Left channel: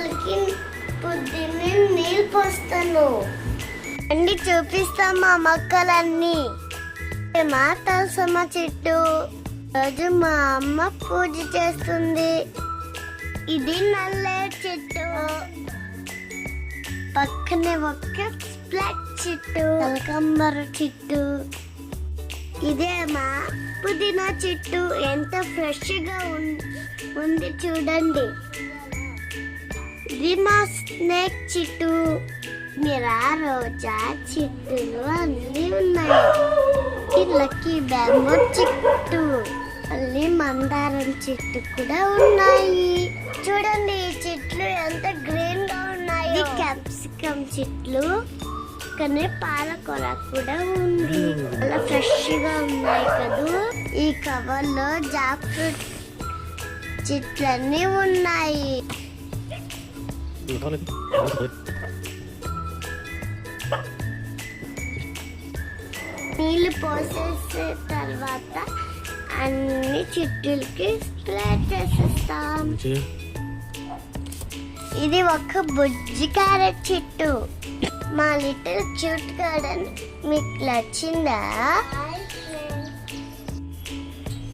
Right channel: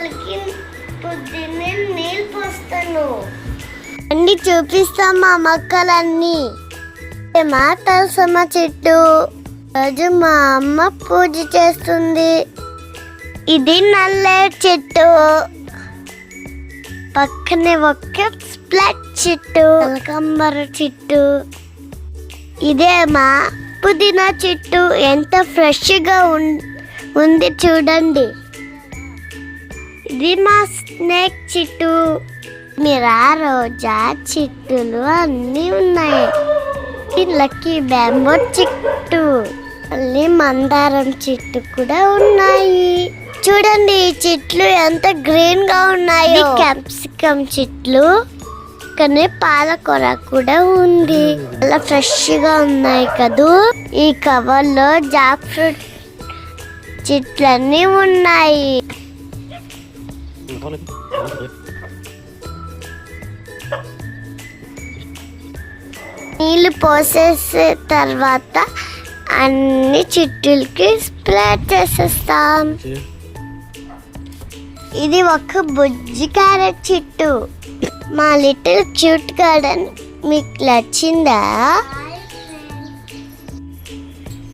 మొక్కలకి పొద్దున్నే నీళ్ళు పోస్తాను. అన్ని చూపిస్తాం మా మొక్కలన్నీ. మా తులసమ్మ చెట్టు రోజు మా అమ్మ పూజ చేస్తుంది. ఇది నల్లేరు చెట్టు, పక్కనే ఒక స్ప్లట్ చెట్టు, కనకాంబర చెట్టు. ఇదే మా పుదీనా చెట్టు. ఎంత ఫ్రెష్గా ఉంది చూడండి. ఇది మా స్నేక్ చెట్టు. మీరా రోజా చెట్టులు అన్నీ ఉన్నాయి. ఇది లక్కీ బ్యాంబో చెట్టు, మళ్ళీ మందారం చెట్టు కూడా ఉన్నాయి. చూడండి ఈ చెట్లు ఎంత గ్రీన్ గా ఉన్నాయి. క్యాప్సికమ్ చెట్లు, కానీ పాలకూర కూడా ఉంది. చాలా ఫ్రెష్ గా ఉన్నాయి కదూ. ఈ కవర్ లో జాక్ ఫ్రూట్ చెట్లన్నీ ఉన్నాయి. నీళ్ళు పోసేసే తర్వాత అన్ని చెట్టులకి స్ప్రే చేసేస్తాం. ఇది ఒక బుజ్జి క్యారెట్ చెట్టు. మా లిటిల్ క్యూట్ గార్డెన్ మీకు నచ్చిందా?